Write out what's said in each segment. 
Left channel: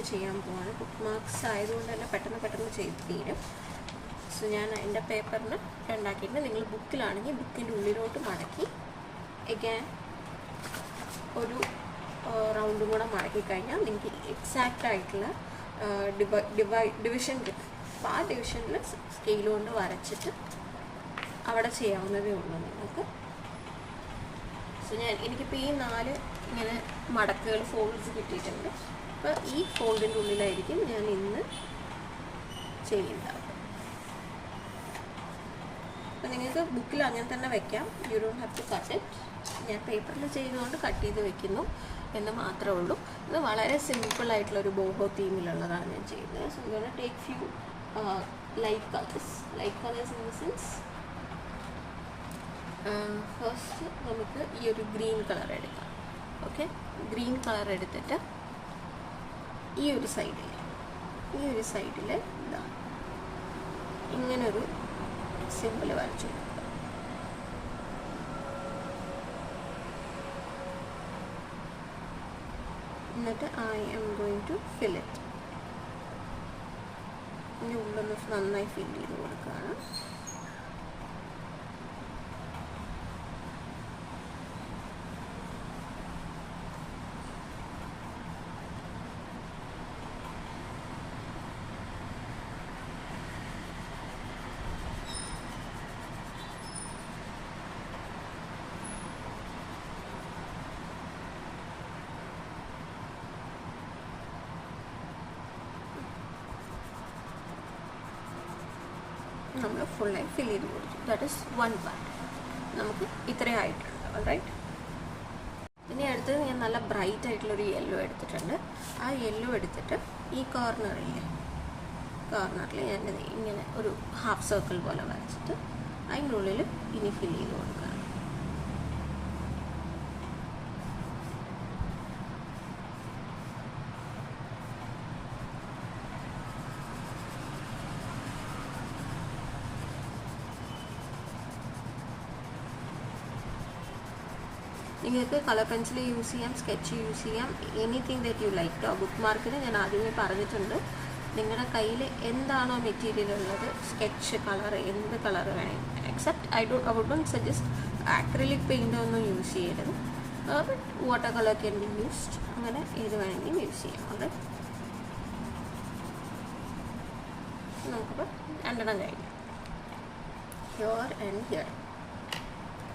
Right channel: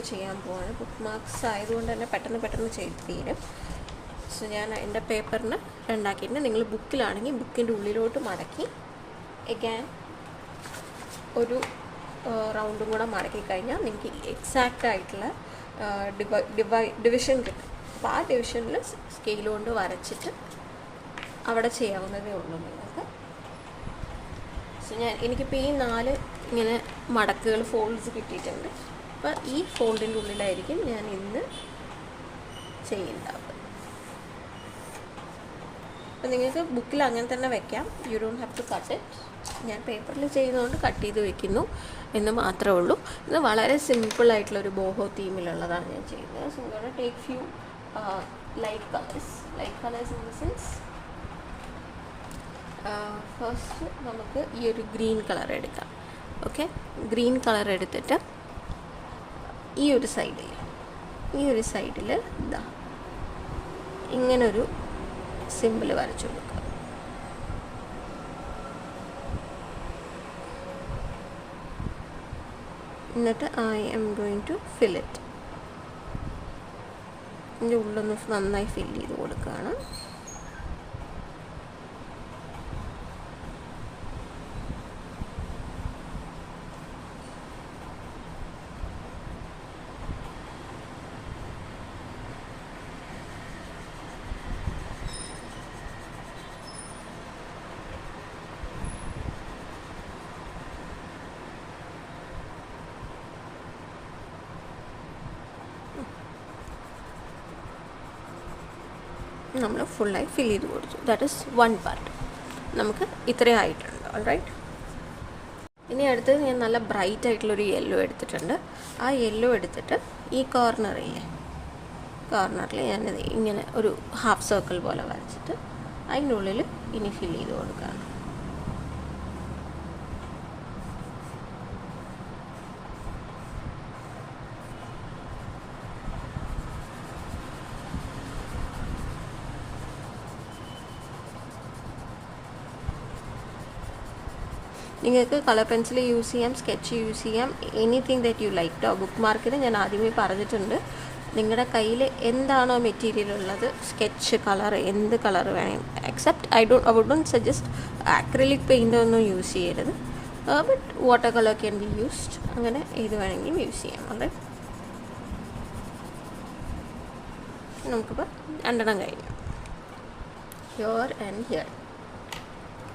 Mark ചെയ്യാൻ പോവാണ്. Book marks ആയതുകൊണ്ട് തന്നെ പെട്ടെന്ന് ചെയ്ത് തീരും. സോ ഞാൻ എൻ്റെ പേപ്പറിന് ഉണ്ടാക്കിയിട്ടുണ്ട്. നിങ്ങൾ ബുക്കിലാണെങ്കിൽ ബുക്കിൻ്റെ ഉള്ളിലോട്ട് മടക്കി എഗാൻ ഒരു റൗണ്ടും കൂടെ മടക്കി കഴിഞ്ഞാൽ നിങ്ങൾക്ക് എക്സാക്റ്റ് ആയിട്ടുള്ള ഡിവിഷൻ കിട്ടും. അപ്പോൾ ആ ഡിവിഷനിൽ സ്കെയിൽ കൊണ്ട് വരച്ചിട്ട് അവിടെ ചെയ്യാവുന്നതേ ഉള്ളൂ നിങ്ങൾക്ക്. സോ എനിക്കിപ്പോൾ ഈ 4 ഇങ്ങനെ മടക്കുകൾ ഫോൾഡ്സ് കിട്ടിയിട്ടുണ്ട്. അപ്പോൾ ഈ ഫോൾഡിൻ്റെ ഉള്ളിലായിരിക്കും ഞാൻ ഇന്ന് ചെയ്യുന്നത്. അപ്പോൾ നിങ്ങൾക്ക് ബുക്കിൽ അങ്ങനെ തന്നെ വെക്കാം. You don't have to cut it. ഞാൻ പേപ്പറിൽ ചെയ്യുന്നതുകൊണ്ട് കട്ട് ചെയ്ത് വെക്കുന്നു എന്ന് മാത്രമേ ഉള്ളൂ. ഇത് വളരെ സിമ്പിളായിട്ടുള്ളൊരു ബോഹോ തീമിലുള്ളതാണ് ഞാൻ ചെയ്യുന്നത്. So gonna take few light colours sense. First നമുക്ക് ഈ ഒരു ഗ്രീൻ കളർ എടുക്കാം. ഓക്കെ, ഗ്രീൻ കളർ എടുത്തിട്ട് ഈ ഒരു സൈഡിൽ ഇതാ ഇങ്ങനൊരു സിമ്പിൾ വരച്ചു കൊടുക്കുക. എന്നിട്ട് I'm going to fill it. ഇതിൻ്റെ ഉള്ളൊന്ന് നന്നായി ഫിൽ ചെയ്ത് കൊടുക്കുകയാണ്. നമ്മൾ ഫുള്ളായി ഫിൽ ചെയ്ത് കൊടുത്തു. That is 1 part. നമുക്ക് ഇത്രയും ആയിട്ടുണ്ട്. ഓൾറൈറ്റ്, ഇനി അടുത്തത് ഞാൻ നല്ല ബ്രൈറ്റ് ആയിട്ടുള്ളൊരു യെല്ലോ എടുത്തിട്ടുണ്ട്. ആ യെല്ലോ എടുത്തിട്ട് ഈ കോർണറിൽ ഞാൻ ഇങ്ങനെ ഒരു ഹാഫ് സർക്കിൾ പോലെ വരച്ചിട്ട് അതിനുള്ളിൽ ഇനി ഫിൽ ചെയ്ത് കൊടുക്കുകയാണ്. നിങ്ങൾക്ക് കളർ പെൻസിൽ യൂസ് ചെയ്യാം, സ്കെച്ച് യൂസ് ചെയ്യാം, എനിത്തിങ് ദാറ്റ് യു ലൈക്ക്. ബുക്ക് മാർക്കിന് ഞാൻ ആദ്യമേ പറഞ്ഞിട്ടുണ്ട്, നിങ്ങളുടെ കയ്യിൽ എന്താണോ മെറ്റീരിയൽ ഉള്ളത്, സ്കെച്ച് കളർ എന്ത് കളർ വേണമെങ്കിൽ, except I wouldn't suggest acrylic paint ഒന്നും യൂസ് ചെയ്യരുത്. But water colour can be used. അങ്ങനെ ഏത് വേണമെങ്കിലും യൂസ് ചെയ്യാം. അല്ലേ, നമുക്കിപ്പോൾ 2 കഴിഞ്ഞു, ഹിയർ ആൻഡ് ഹിയർ.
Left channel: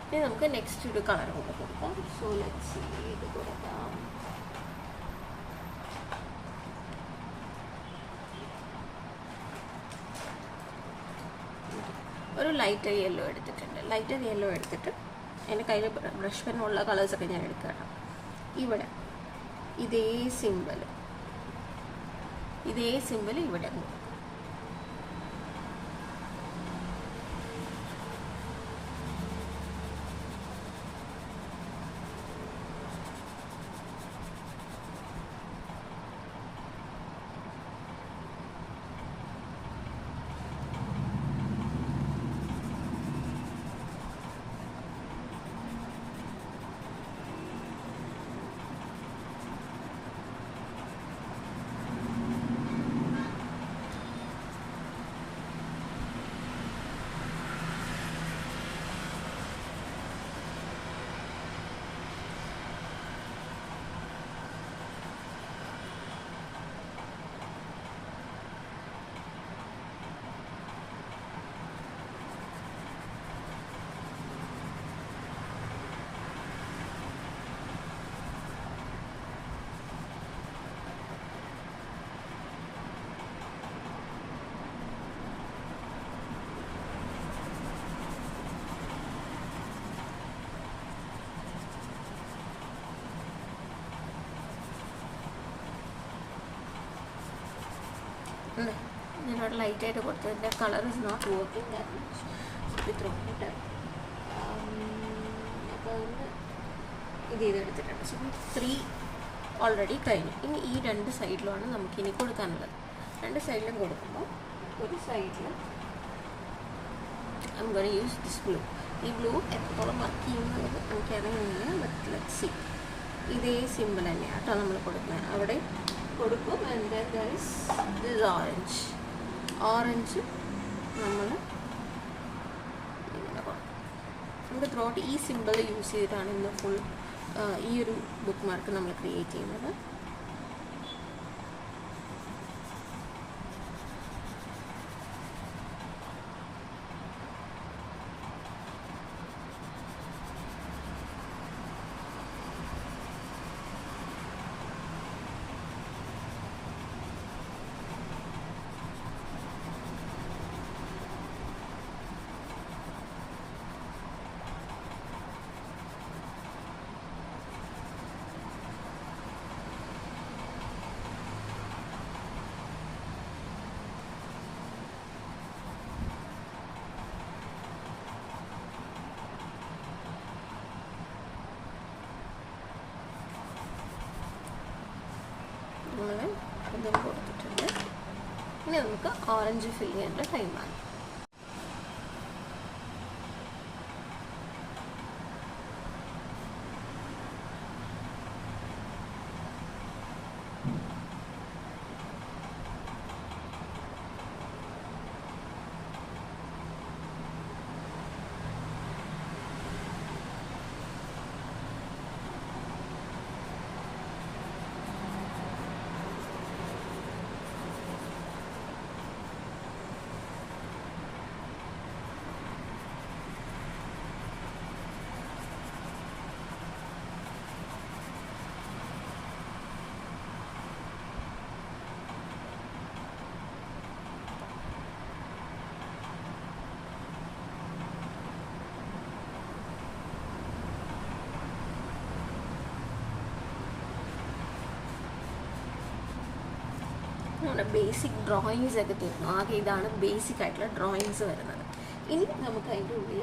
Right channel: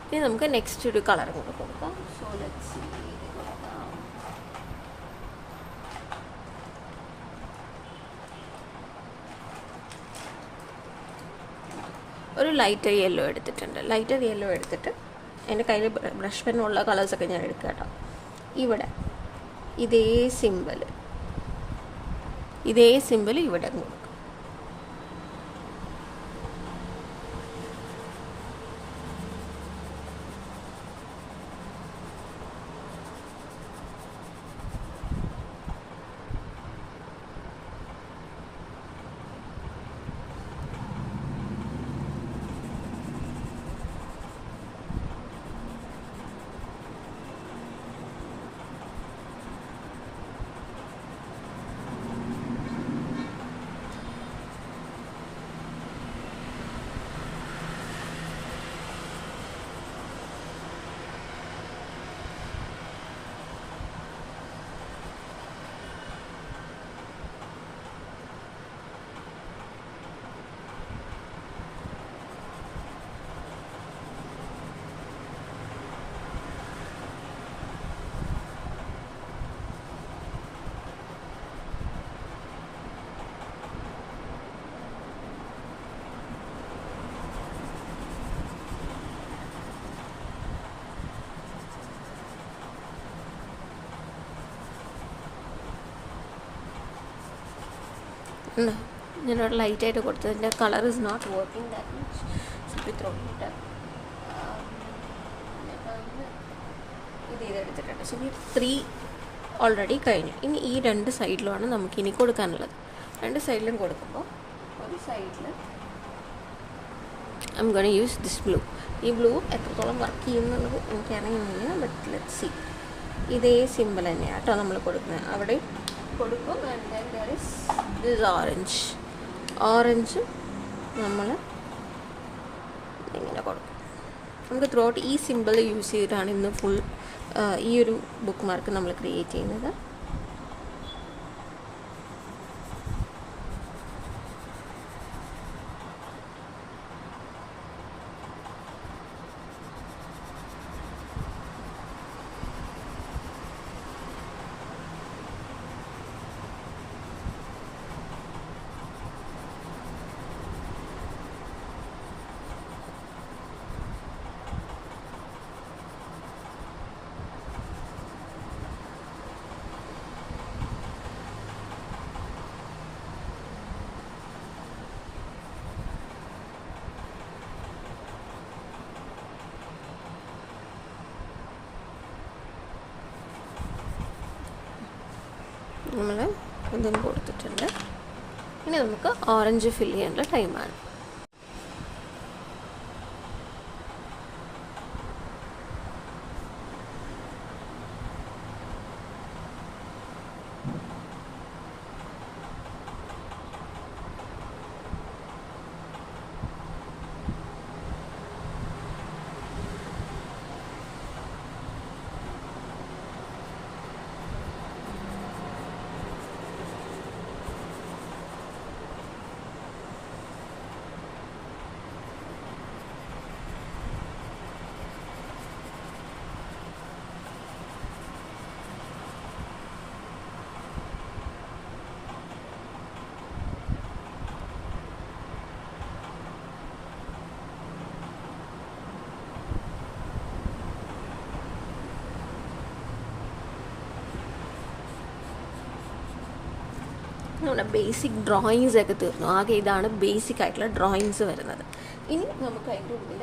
ഇനി നമുക്ക് നെക്സ്റ്റ് ഒരു കളർ കൊടുക്കാം. സോ ലെറ്റ്സ് സീ, ഒരു ലൈറ്റർ യെല്ലോ എടുത്തിട്ടുണ്ട്. ലൈറ്റർ യെല്ലോ എടുത്തിട്ട് എൻ്റെ കയ്യിൽ ബ്രഷ് പെന്നുള്ള കളേഴ്സൊക്കെ ഞാൻ എടുക്കുക കേട്ടോ. ഇവിടെ ഇതേ സിമ്പിൾ ഇവിടെ കൊടുക്കും. ഞാനവിടെ ലൈറ്റായിട്ട് കൊടുത്തതിൻ്റെ colour is not working that much. So ഇത്ര ഇത് ചെയ്തെടുത്തിട്ടുണ്ട്. സോ 3 ഓൾറെഡി കഴിഞ്ഞു. ഇനി ഈ 2 സൈഡിലുമാണ് നമുക്കിനി കൊടുക്കാനുള്ളത്. 2 സൈഡിലും കൊടുക്കുമ്പോൾ ഒരു സൈഡിൽ I M gonna use this blue. ഈ ബ്ലൂ എത്രത്തോളം വർക്ക് ചെയ്യുന്നുള്ളത് എനിക്കറിയുന്നില്ല, ബട്ട് ലെറ്റ്സ് സീ. ഇതേ സിമ്പിൾ തന്നെയാണ് കേട്ടോ നമ്മൾ കൊടുക്കുന്നത്. അവിടെ കൊടുക്കും. And there is this orange നമ്മൾ ഇങ്ങനെ കൊടുക്കും. നമുക്ക് ത്രൂ ഔട്ട് ഈ സിമ്പിൾ യൂസ് ചെയ്തിട്ടാണ് ഇന്ന് ഫുൾ ഈ ഒരു ബുക്ക് മാർക്ക് നമ്മൾ ക്രിയേറ്റ് ചെയ്യുന്നത്. നമ്മൾ ഇതും കൊടുത്തിട്ടുണ്ട്. ഇനി നമുക്ക് ഓറഞ്ച് ഫില്ല് ചെയ്യേണ്ട ടൈമാണ്. നമ്മുടെ ബേസിക് ഡ്രോയിങ്സ് ഒക്കെ തീർന്നു. ആകെ ഇതാണ് ബേസിക് ആയിട്ടുള്ള ഡ്രോയിങ്സ് വരുന്നത്. ഇനി നമുക്ക് അതിൻ്റെ ഉള്ളിൽ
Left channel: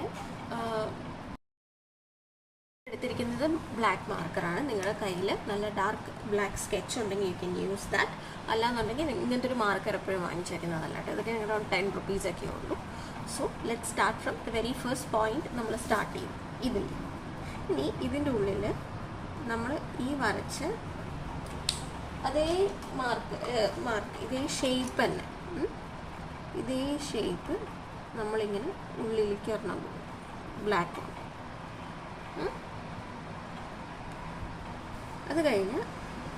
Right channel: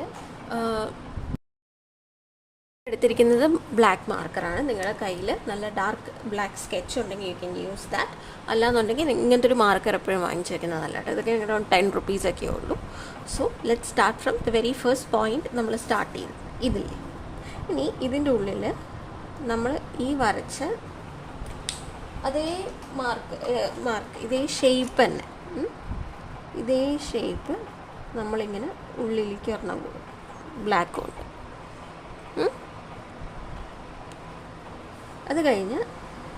എടുത്തിരിക്കുന്നത് ബ്ലാക്ക് മാർക്കറാണ്. നിങ്ങളുടെ കയ്യിൽ നല്ല ഡാർക്ക് ബ്ലാക്ക് സ്കെച്ച് ഉണ്ടെങ്കിൽ യു ക്യാൻ യൂസ് ദാറ്റ്. അല്ലാന്നുണ്ടെങ്കിൽ ഇങ്ങനത്തെ ഒരു മാർക്കർ എപ്പോഴും വാങ്ങിച്ചു വയ്ക്കുന്നത് നല്ലതാണ്. ഇതൊക്കെ അറൗണ്ട് 10 rupees ഉള്ളൂ. So let start from the very first point. നമ്മൾ സ്റ്റാർട്ട് ചെയ്തു ഇതിൽ. ഇനി ഇതിൻ്റെ ഉള്ളിൽ നമ്മൾ ഈ വരച്ച അതേ മാർക്ക് ഇതേ ഷേപ്പ് തന്നെ, ഇതേ ഷേപ്പ് നമ്മളിങ്ങനെ ഉള്ളിലേക്ക് ഒരെണ്ണം ബ്ലാക്ക് കൊണ്ട്. അത് കഴിഞ്ഞ്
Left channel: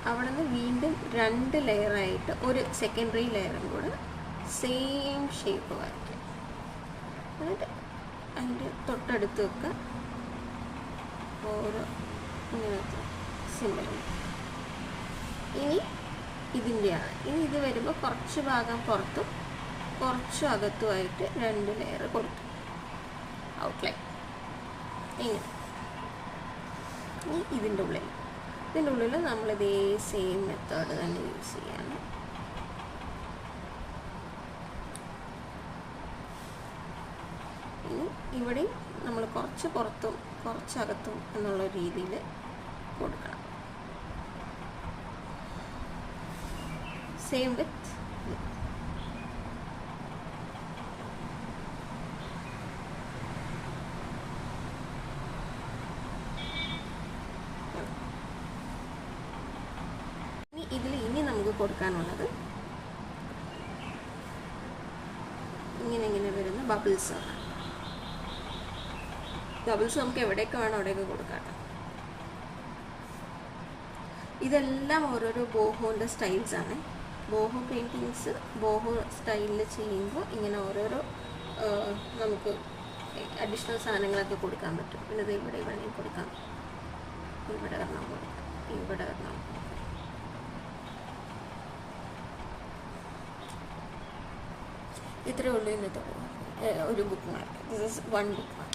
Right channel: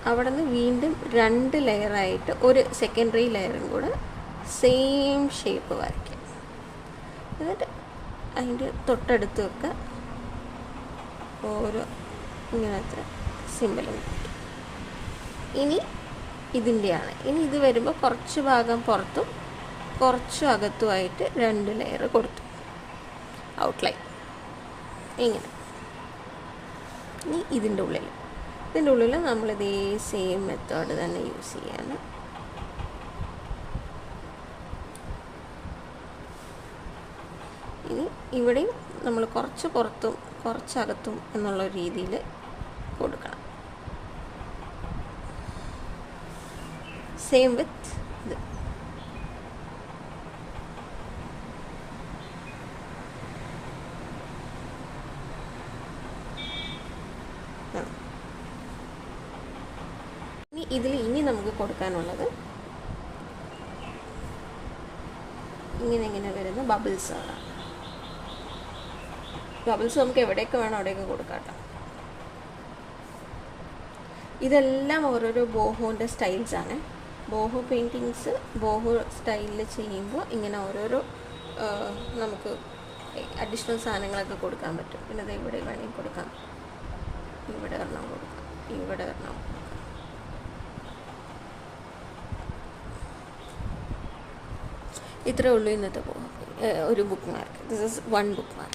അവിടെ നിന്ന് വീണ്ടും 2 ലെയറായിട്ട് ഒരു സെക്കൻഡറി ലെയറും കൂടെ സെയിം ഷേപ്പ് വരയ്ക്കാം. എന്നിട്ട് അതിൻ്റെ തൊട്ടടുത്തൊക്കെ ഓരോ ഇങ്ങനത്തെ സിമ്പിളും. ഇനി ഇതിൻ്റെയാണ്. ഇനി ഇത് വരുമ്പോൾ കുറച്ച് ഭാഗം പുറത്തും കുറച്ച് അകത്തുമായിട്ട് 2 ലെയർ കൊടുത്തു ഔട്ട്ലൈൻ ഇങ്ങനെ. ഇനി ഇതിൻ്റെ ഉള്ളിൽ നമ്മളിതേ സെയിം മെത്തേഡ് തന്നെ യൂസ് ചെയ്യാണ്. ഇനി ഇവിടെയും നമ്മൾ കുറച്ച് പുറത്തും കുറച്ചകത്തും എന്നുള്ള രീതിയിൽ കൊടുക്കണം. സെയിം വിത്ത് ഇത്. ഇനി നമുക്ക് കൊടുക്കാനുള്ളത് ഇങ്ങനെ വരുന്ന ബബിൾസാണ്. ബബിൾസ് നമുക്ക് എവിടെയൊക്കെ വേണം അവിടെയൊക്കെ കൊടുക്കാം. ഇതെല്ലാം ഓരോരോ ബോഹോൻ്റെ സ്റ്റൈൽസാണ്. ബോഹോ പെയിൻറ്റിങ്സ് ബോഹോ സ്റ്റൈലിൽ ചെയ്യുമ്പോൾ ഇങ്ങനെ ഓരോരോ നമുക്ക് അഡീഷണൽ സാധനങ്ങളൊക്കെ കൊടുക്കാൻ പറ്റും. പിന്നെ ഇത് ഇവിടെ വേണമെങ്കിൽ കൊടുക്കാം, ഇവിടെ വരണം കൊടുക്കാം, ഇവിടെ വരണം. ഇത്രേ ഉള്ളൂ ഇന്നത്തെ ഒരു book mark. This is 1 book mark.